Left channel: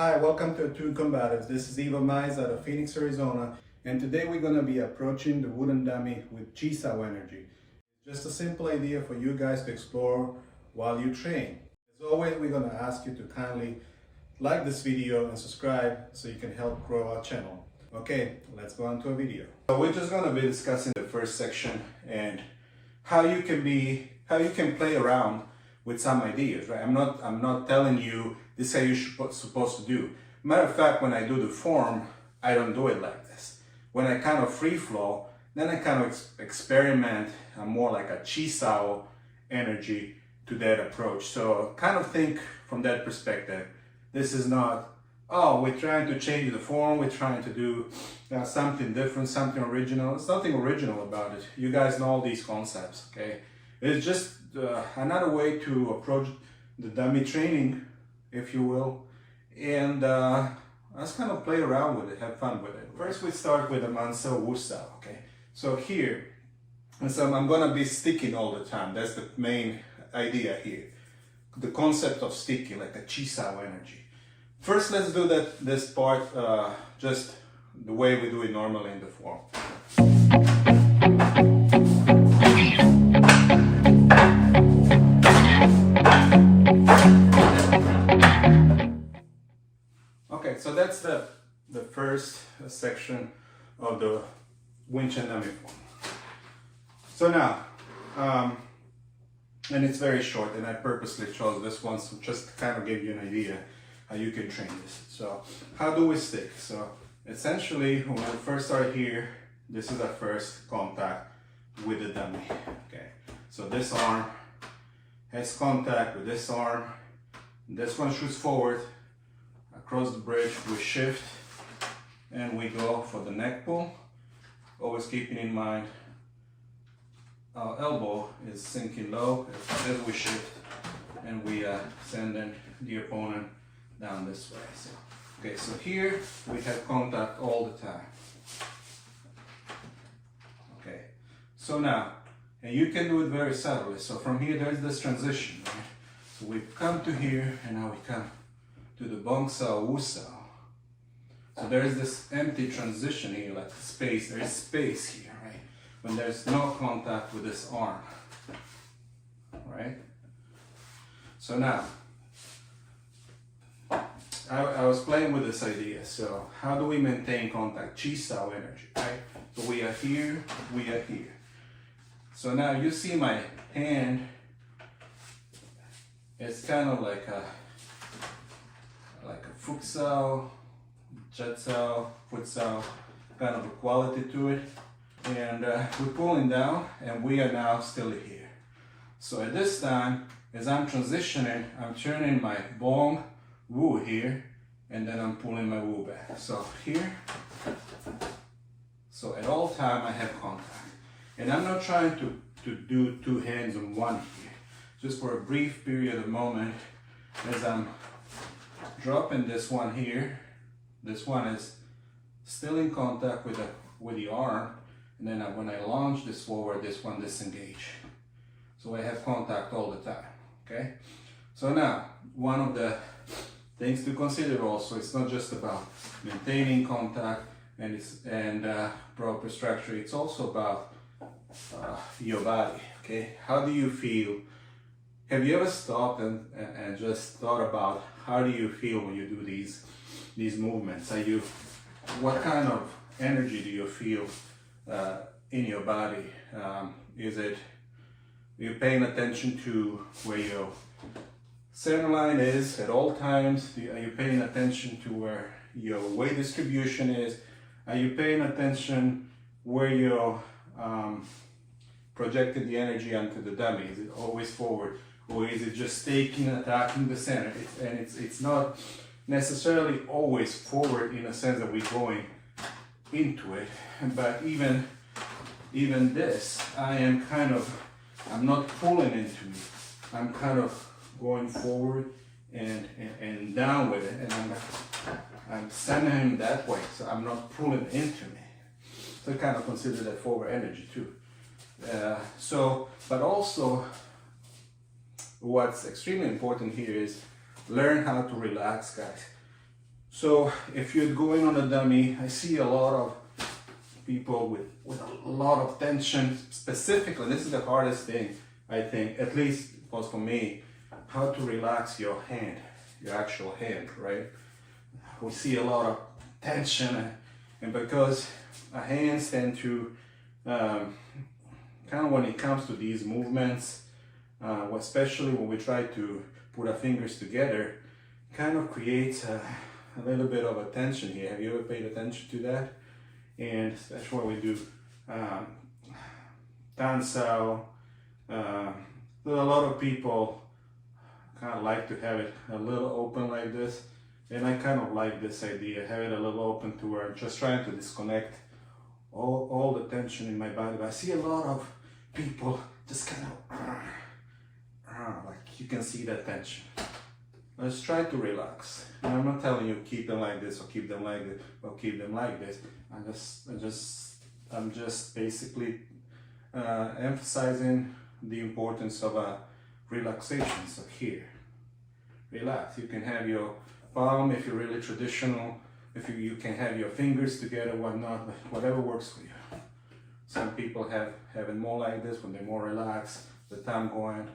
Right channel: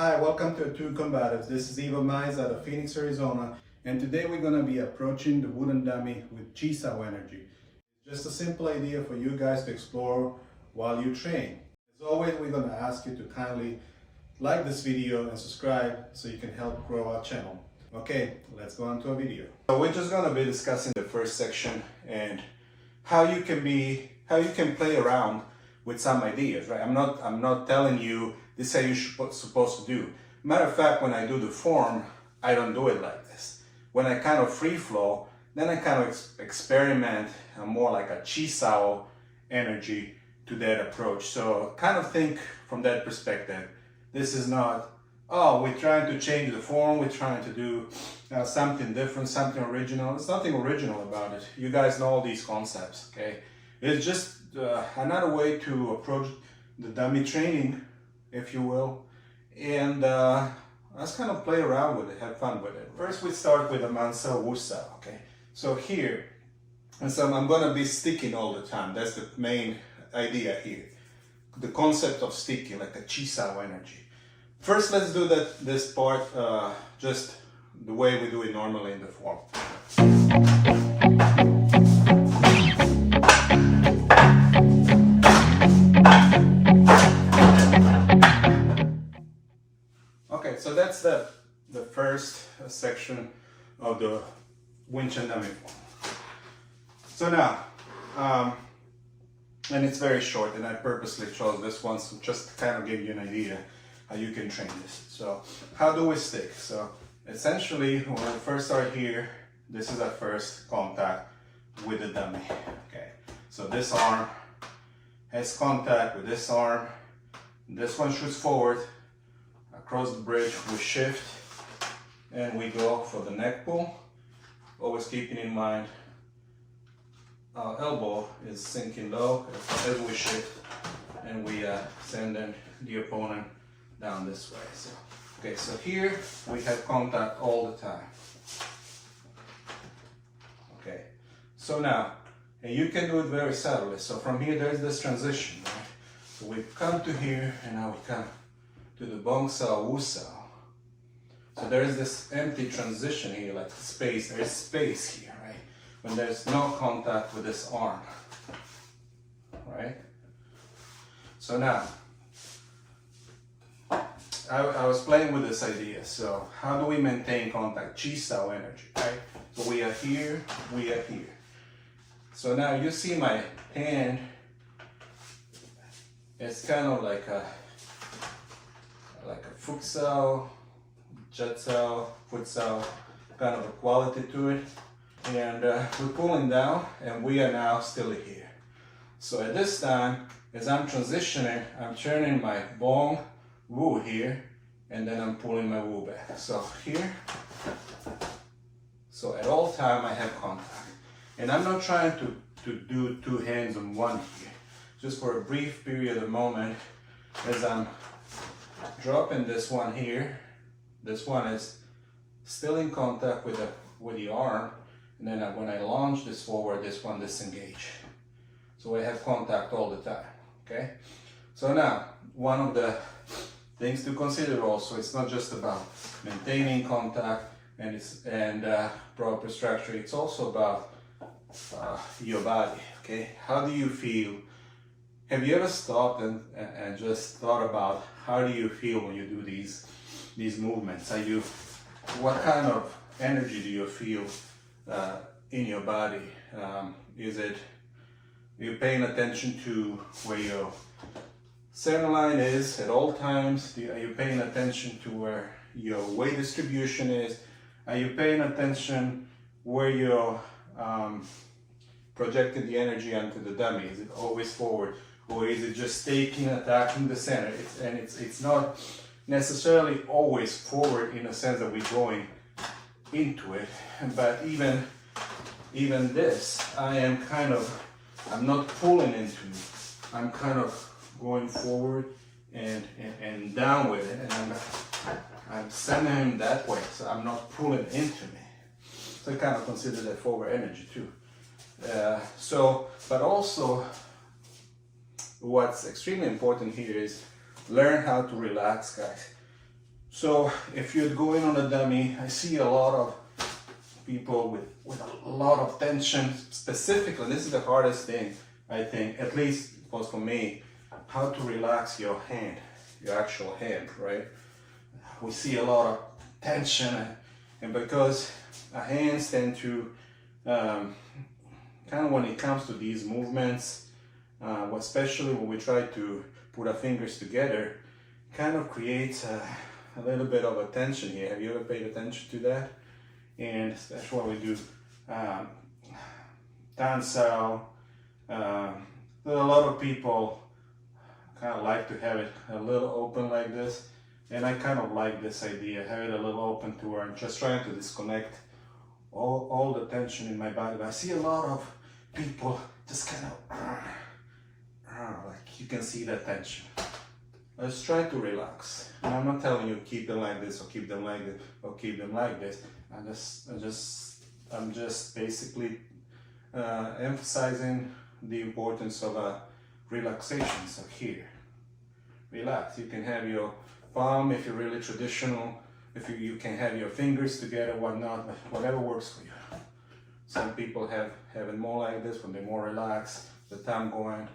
Hi, welcome to Attuned Combatives. This is Eva Mize out of Phoenix, Arizona, and today we're going to be approaching the wooden dummy with Chisao energy. Just a simple idea for you guys to explore while you train. As always, we're going to ask you to kindly like this video and subscribe so you can help grow our channel. Okay, let's go on to a video. So we're just going to be discussing the first section and how you can play around with some ideas, right? I'm not telling you this is how you're supposed to do. Matter of fact, when I do the form, I don't do it like this. When I kind of free flow, then I kind of experiment more like a Chisao energy to that approach. So kind of think from that perspective. This is not, oh, we're trying to change the form, we're trying to do something different, something original. There's nothing original about it. You guys know all these concepts, okay? It's just another way to approach the dummy training, if you will, and let's kind of play around with it, have fun with it. First we start with a Mansao Wusao, okay? So here, and so I'm gonna be sticking all the time. That's the main idea here. The concept of sticking, like a Chisao energy. First, let's do this part just the way we do it normally in the form. Okay, so that's the first section of the winch and dummy form. So now, and it's very short, and I purposely chose this one so just to kind of give you an idea how you can train this. So how do we stick? So essentially, when we first start here, this is our first contact with the dummy. Okay, so this arm has contact with this arm. This one shoots forward. Across the bridge, we shift and we go for the neck pull. Always keeping in mind our elbow is sinking low as we shift, and we send the opponent down this way. So, okay, so here we have contact all the time. Okay, so now, and you can do it very subtly. So from here there is this transition, right? So we come to here and now we come to the Mansao Wusao. So there is this empty transition here, like space. There is space here, right? When there's no contact with this arm, right? So now, I was playing with this idea. So how do we maintain contact? Chisao energy, right? So we are here, we are here. So now you see my hand, it's kind of like a futsal, jetsao, futsal, kind of a quality to it. And we're pulling down and we are now still here. So at this time, as I'm transitioning, I'm turning my bong wu here, and then I'm pulling my wu back. So here, so at all time I have contact. And I'm not trying to do two hands on one here. Just for a brief period of moment, as I'm dropping this one here, this one is still in contact with the arm, and then when I launch this forward, this one disengage. So I have contact all the time, okay? So now, one of the things to consider also, it's not just about maintaining contact and proper structure, it's also about your body, okay? How do you feel? Have you ever stopped and just thought about how do you feel when you do these movements? What kind of energy do you feel in your body? You're paying attention to where your center line is at all times? Are you paying attention to where your weight distribution is? Are you paying attention where you're projecting the energy onto the dummy? Is it always forward? Or is it just attacking the center? It's not necessarily always forward in the sense that we're going into it. But even this, I'm not pulling into it. I'm kind of going forward and down with it, and I'm sending him that way. So I'm not pulling into me. So I kind of consider that forward energy too. But also, what's extremely important here is learn how to relax, guys. So if you're going on a dummy, I see a lot of people with a lot of tension. Specifically, this is the hardest thing, I think, at least it was for me, how to relax your hand, your actual hand, right? We see a lot of tension, and because our hands tend to, kind of when it comes to these movements, especially when we try to put our fingers together, kind of creates a little bit of a tension here. Have you ever paid attention to that? And that's why we do Chisao. A lot of people kind of like to have it a little open like this, and I kind of like this idea, have it a little open to where I'm just trying to disconnect all the tension in my body. But I see a lot of people just kind of like you can see that tension. Let's try to relax. And I'm not telling you keep them like this or keep them like this or keep them like this. I'm just basically emphasizing the importance of a relaxation. So here, relax. You can have your palm if you're really traditional. If you can have your fingers together, whatnot, but whatever works for you. Some people have it more like this when they're more relaxed. The thumb going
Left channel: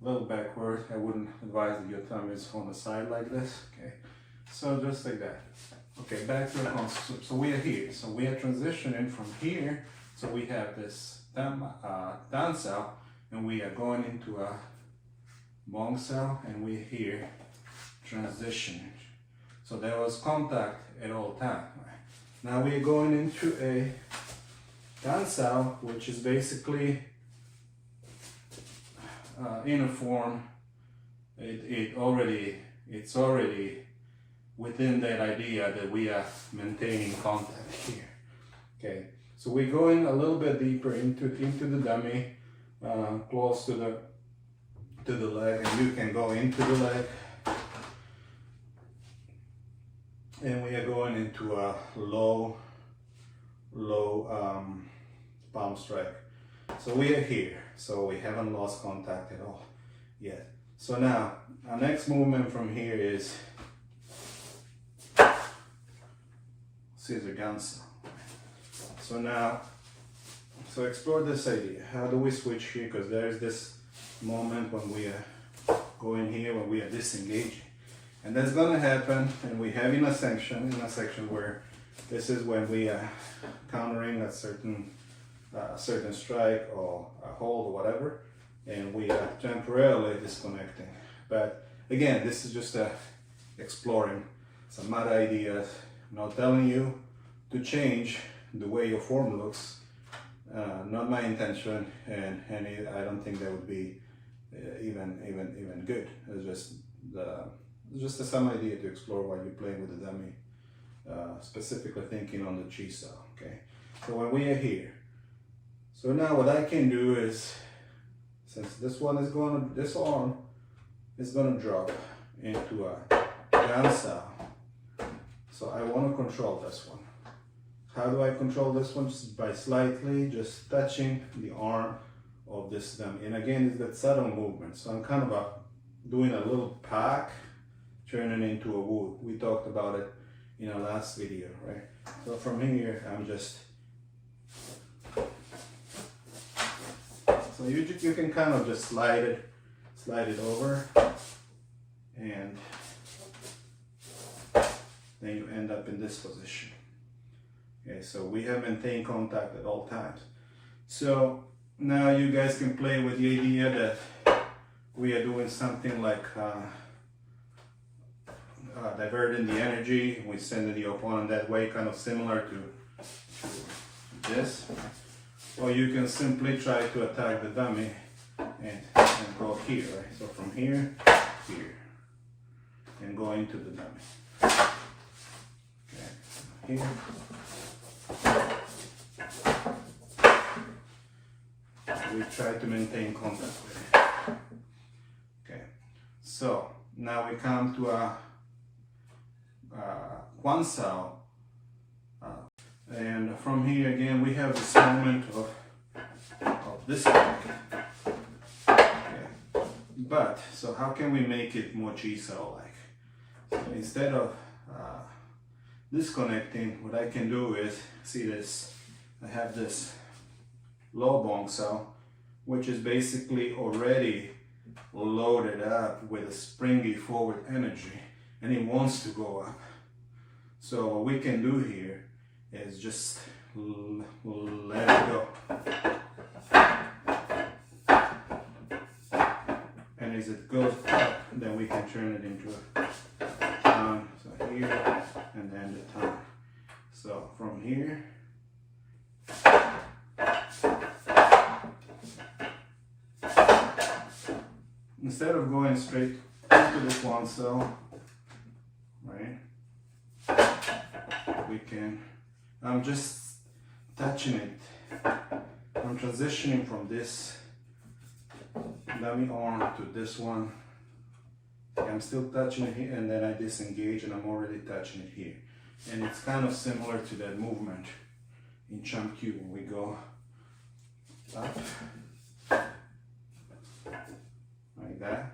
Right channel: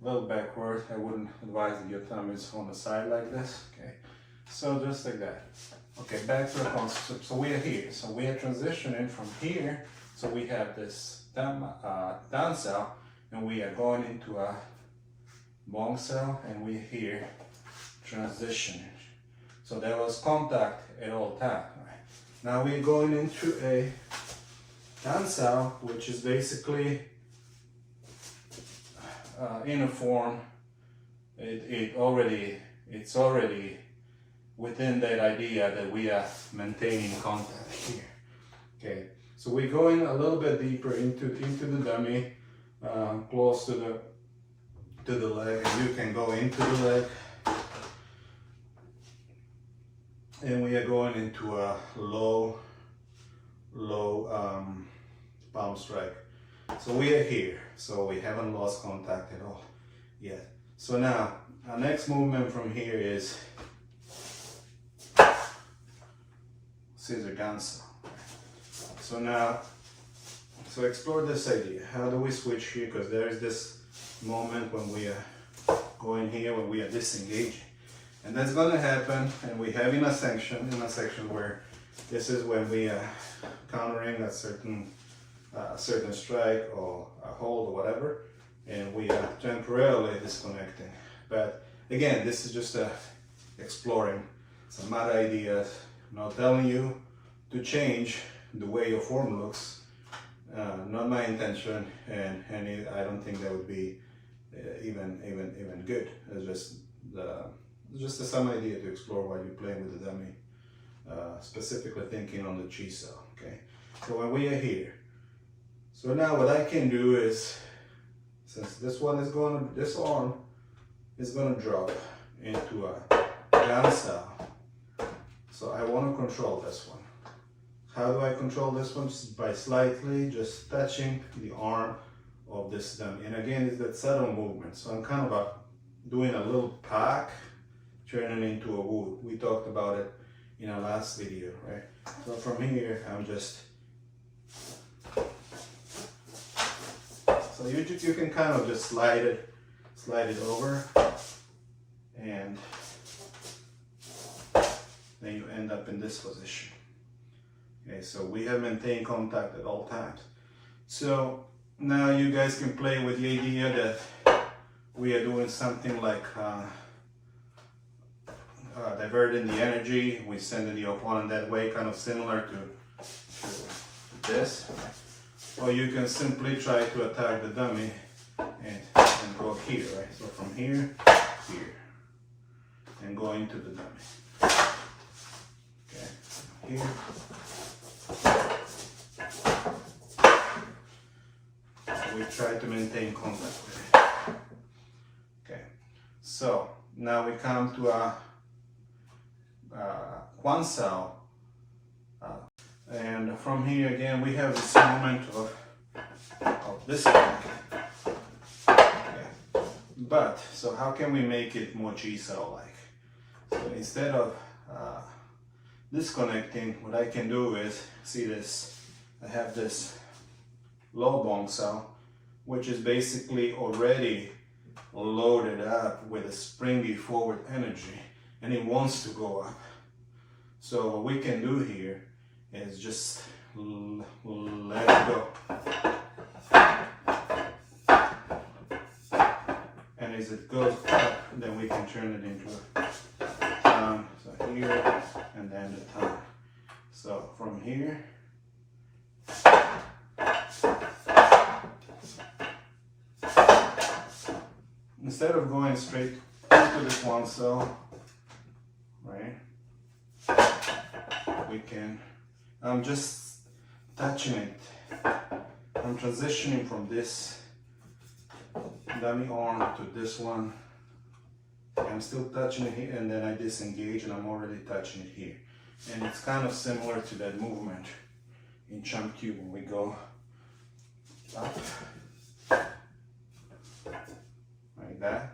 a little backward. I wouldn't advise that your thumb is on the side like this. Okay, so just like that. Okay, back to the concept. So we are here. So we are transitioning from here. So we have this down cell, and we are going into a bong cell, and we're here transitioning. So there was contact at all times. Now we are going into a down cell, which is basically in a form. It's already within that idea that we are maintaining contact here. Okay, so we're going a little bit deeper into the dummy, close to the leg. You can go into the leg, and we are going into a low palm strike. So we are here. So we haven't lost contact at all yet. So now our next movement from here is scissor ganso. So now, so explore this idea. How do we switch here? Because there's this moment when we are going here, when we are disengaging. And that's gonna happen, and we have in a section where this is when we are countering a certain strike or a hold or whatever, and we are temporarily disconnecting. But again, this is just exploring some other ideas. I'm not telling you to change the way your form looks. Not my intention, and I don't think that would be even good. It's just some idea to explore while you're playing with the dummy. Specifically thinking on the Chisao. Okay, so when we are here, so now what I can do is, since this arm is gonna drop into a gansa, so I want to control this one. How do I control this one? Just by slightly just touching the arm of this dummy. And again, it's that subtle movement. So I'm kind of doing a little pack, turning into a wood. We talked about it in our last video, right? So from here, I'm just, so you can kind of just slide it over, and then you end up in this position. Okay, so we have maintained contact at all times. So now you guys can play with the idea that we are doing something like diverting the energy. We send the opponent that way, kind of similar to this. Or you can simply try to attack the dummy and go here, right? So from here, here, and go into the dummy. Okay, here. We try to maintain contact there. Okay, so now we come to a Chisao, and from here again we have this moment of this one. Okay. But so how can we make it more Chisao like? So instead of disconnecting, what I can do is, see this, I have this low bong cell, which is basically already loaded up with a springy forward energy, and it wants to go up. So what we can do here is just let it go. And as it goes up, then we can turn it into a ton. So here, and then the ton. So from here, instead of going straight into this one cell, right, we can, I'm just touching it. I'm transitioning from this dummy arm to this one. I'm still touching it here, and then I disengage and I'm already touching it here. And it's kind of similar to that movement in Chum Q when we go up like that.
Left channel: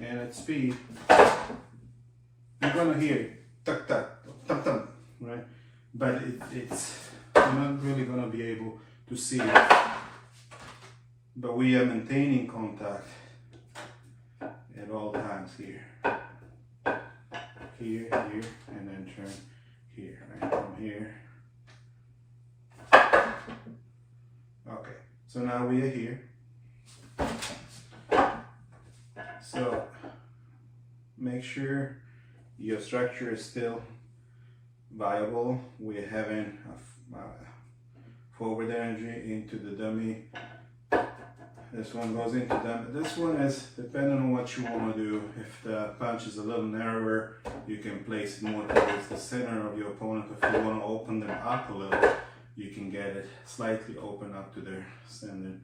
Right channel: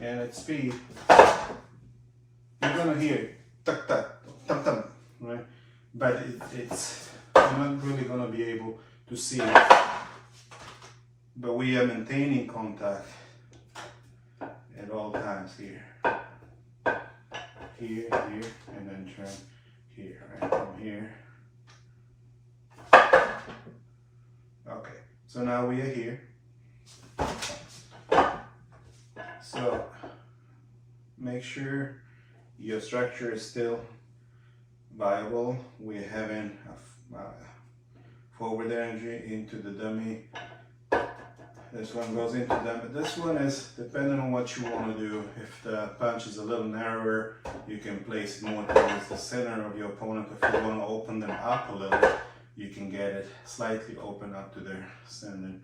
And at speed, you're gonna hear tuck tuck tuck tuck, right? But it's I'm not really gonna be able to see it. But we are maintaining contact at all times here, here, and then turn here, right? From here. Okay, so now we are here. So make sure your structure is still viable. We're having a forward energy into the dummy. This one goes into dummy. This one is depending on what you want to do. If the punch is a little narrower, you can place it more towards the center of your opponent. If you want to open them up a little, you can get it slightly open up to their center.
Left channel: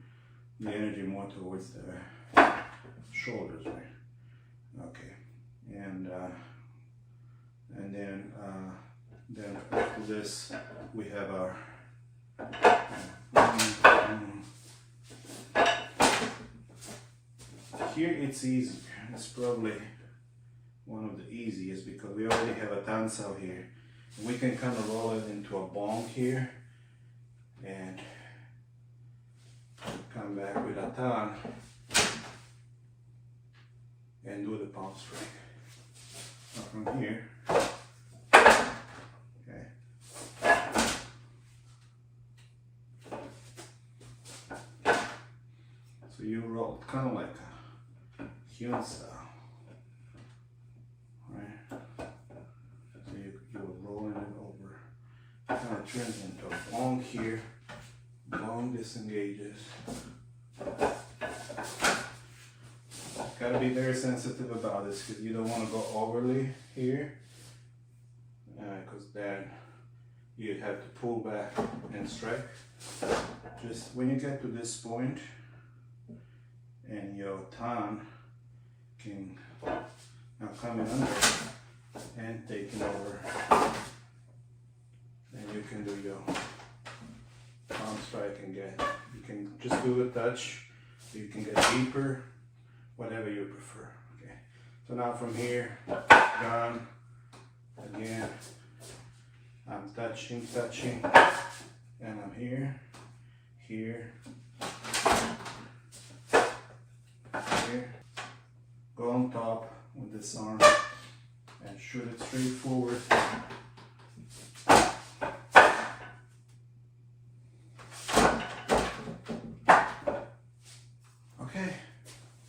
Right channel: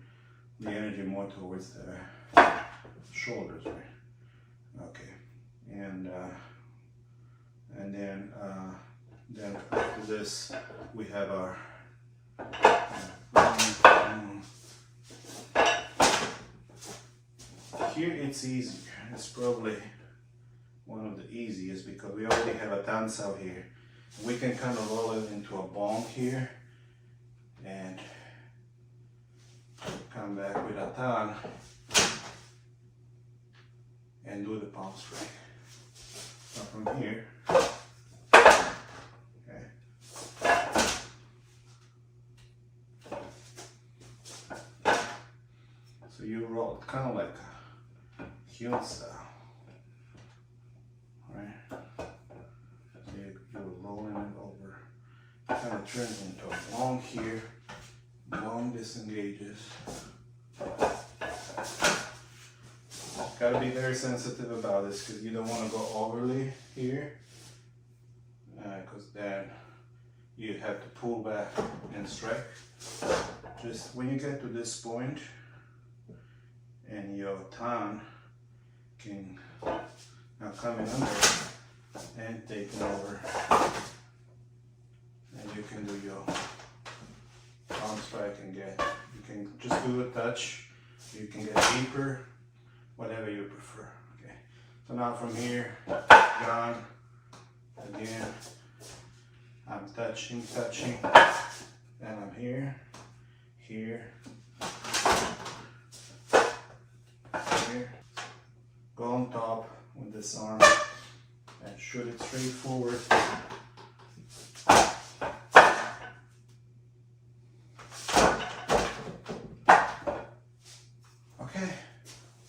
The energy more towards the shoulders, right? Okay, and then after this we have our here it's easier. It's probably one of the easiest because we already have a tan cell here. We can kind of roll it into a bong here and come back with a tan and do the palm strike. So from here, okay. So you roll it kind of like a human style, right? So you're rolling it over, kind of turns into a bong here, bong disengages. Gotta be very sensitive about this because you don't want to go overly here, because then you have to pull back and strike. Just when you get to this point and your tan can now come in under and taking over, and you can do your palm strike and get, you can just do a touch, you can get deeper, whatever you prefer. Okay, so now from here, down, again, I'm touching, and I'm here, here, go on top with this arm and shoot it straight forward. Okay,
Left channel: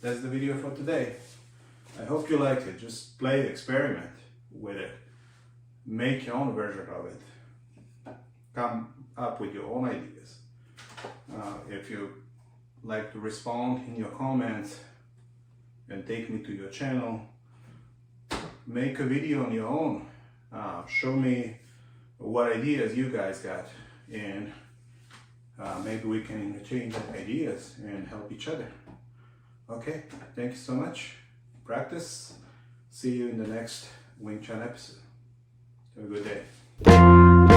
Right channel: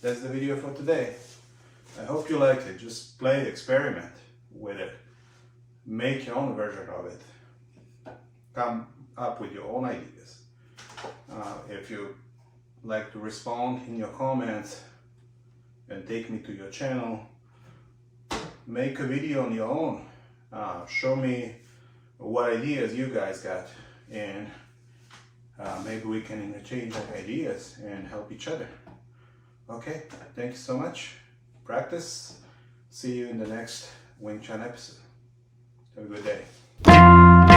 that's the video for today. I hope you liked it. Just play, experiment with it. Make your own version of it. Come up with your own ideas. If you like to respond in your comments and take me to your channel, make a video on your own. Show me what ideas you guys got, and maybe we can interchange ideas and help each other. Okay, thank you so much. Practice. See you in the next Wing Chun episode. Have a good day.